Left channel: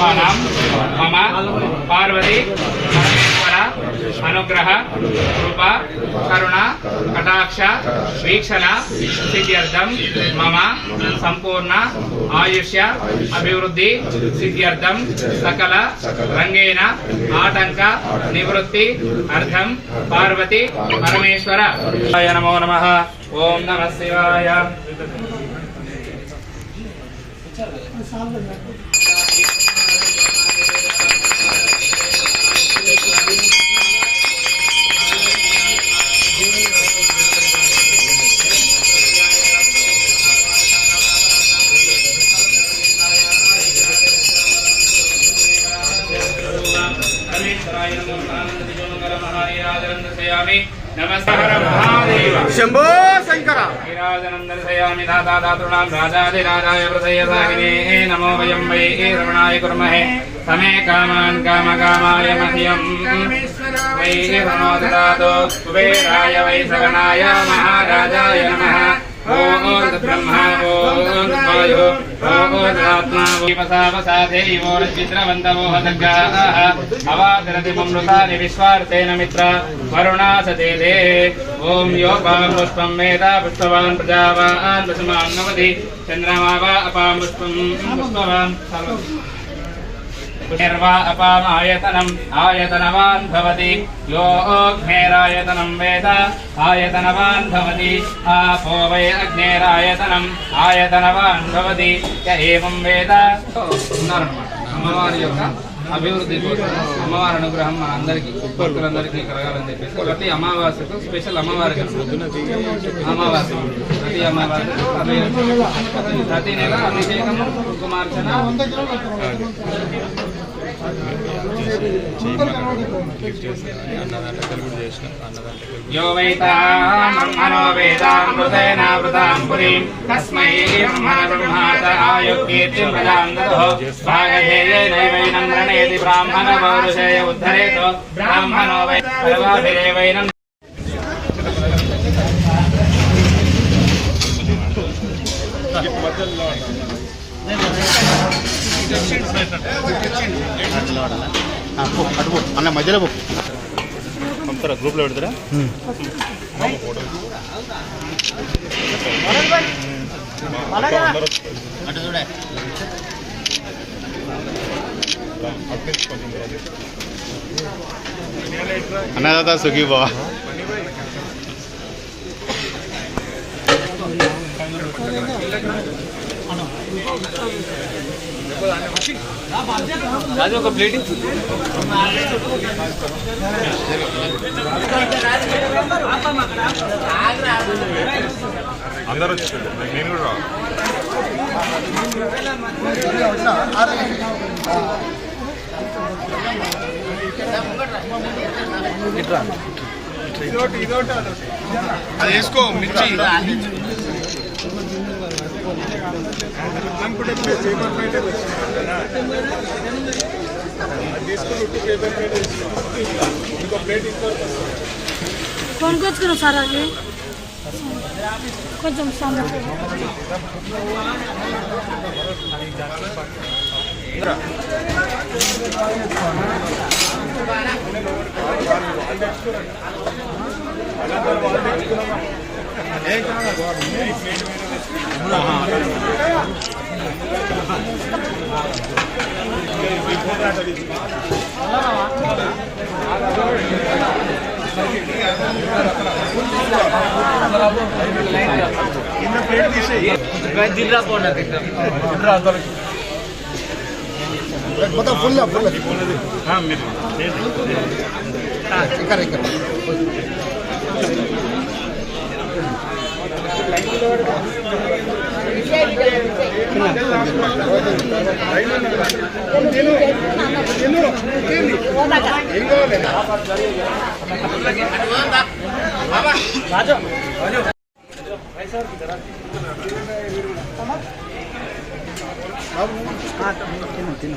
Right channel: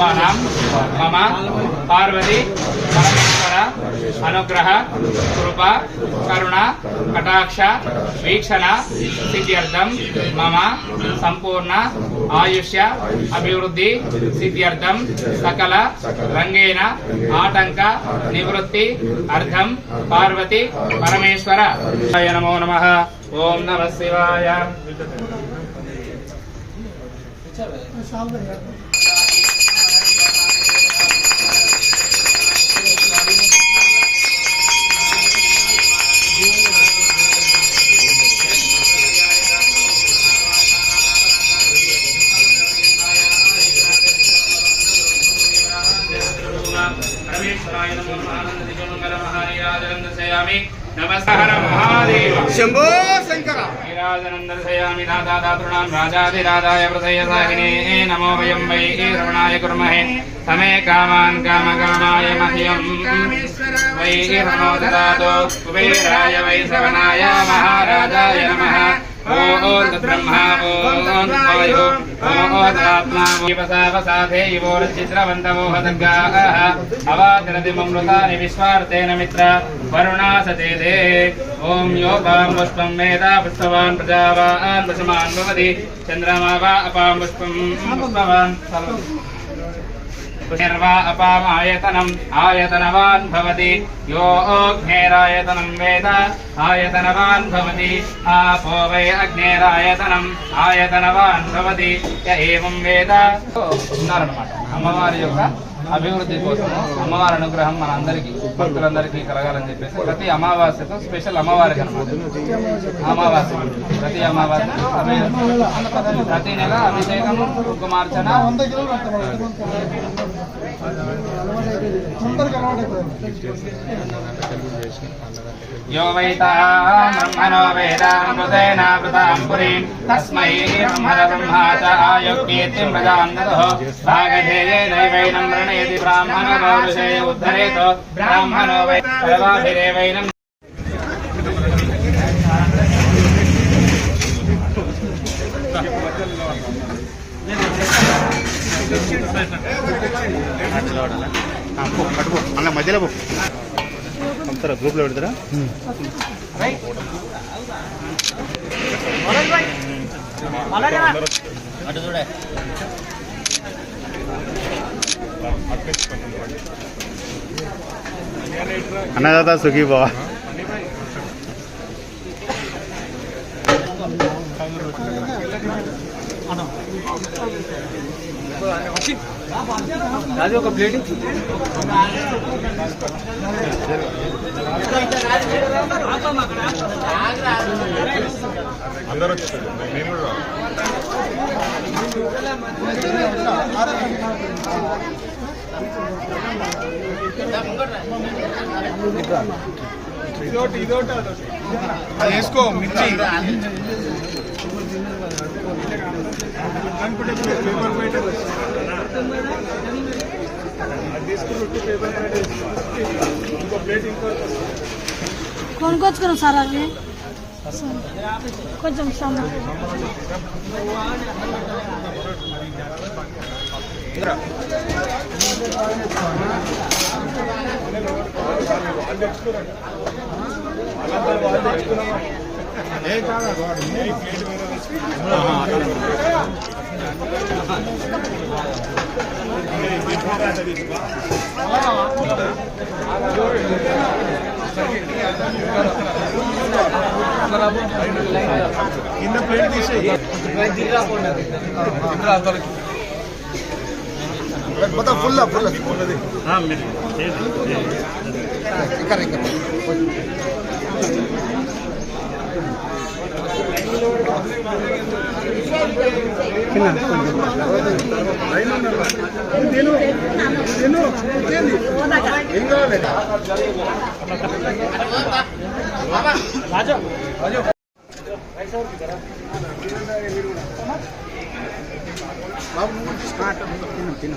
కుటుంబానాం మమ పార్వతి పరమేశ్వర అనుగ్రహ కృప కరుణ కటాక్ష వీక్షణ సిద్ధ్యర్థం మమ సంపూర్ణ ఆయుష్య అభివృద్ధి సిద్ధ్యర్థం సకల రంగేణ ఆటంక నివృత్తి అర్థం పార్వతి పరమేశ్వర. నమో నమ. ఓం నమ శివాయ. పరమేశ్వరాయ परमेश्वराय नमो नारायण विजयमंगल महारिया जगन्नाथ सयामी నమస్కార మహాదేవ. శంభో శంకర. ఐరాజనం దర్శయామి దాతా దాతృణాం రాజాదిరాజాయ హృదయసాహినే నమో వయం వై రమణాయ కుర్మహే సమే కామాన్ కామ కామాయ మహ్యం వై రమో దాతో కుబేరాయ వై సవనాయ మహారాజాయ నమః. అవాతిరతిమృతాని విశ్వార్థేన మిత్ర వరుణా సతే ఓం యోపాం పుష్పం మేధా పుష్పవాన్ ప్రజావాన్ పశుమాన్ భవతి చంద్రమా అపాం పుష్పం పుష్పవాన్ अपां पुष्पं पुष्पवान् निर्वा अपामायतनम् आयतनवान् भवति यो अग्नेरायतनं वेद आयतनवान् भवति आपो वै अग्नेरायतनम् आयतनवान् भवति य एवं వేద ఉన్నారన్నమాట అమ్మవారి యొక్క అభివృద్ధి కోసం అమ్మవారి అనుగ్రహం మన అందరికీ భక్తులందరికీ కలగాలని చెప్పేసి ప్రతి అమావాస్యకు స్పెషల్ అమ్మవారికి అన్నమాట అమావాస్య ప్రతి అమావాస్యకు అభి- ప్రతి నెల అభిషేకము కుంకుమార్చన यो वैताम् ब्रह्मणो वेदामृतेनावृताम् पुरीम् तस्मै ब्रह्मण ब्रह्मा च आयुक्येत्तिम् प्रजाम् ददुः भागधेयेनैवैनम् रणेति ब्राह्मणो पौरुषेय उद्धरेतो ब्राह्मणो वै सर्वाभिरेवैनम् అన్న మధ్యలో పో. పంపుతారా గ్రూప్లో పెడతారా అటు చూడే అన్నదాత సుఖీ బావా అది ఒక ప్లేట్ అందరూ నేను కూడా వేసుకో మిర్చి అనుకుంటే పేపర్ ప్లేట్ అది తీసుకుని ఉట్టి పేపర్ ప్లేట్ ఇంకో ప్లేట్ ఇంకో కొనుక్కొచ్చుకున్నాం సార్ అవి కొంచెం సాంబార్ మొత్తం ఫుల్ ఫుల్ ఇంకా ఇంకా తిన్న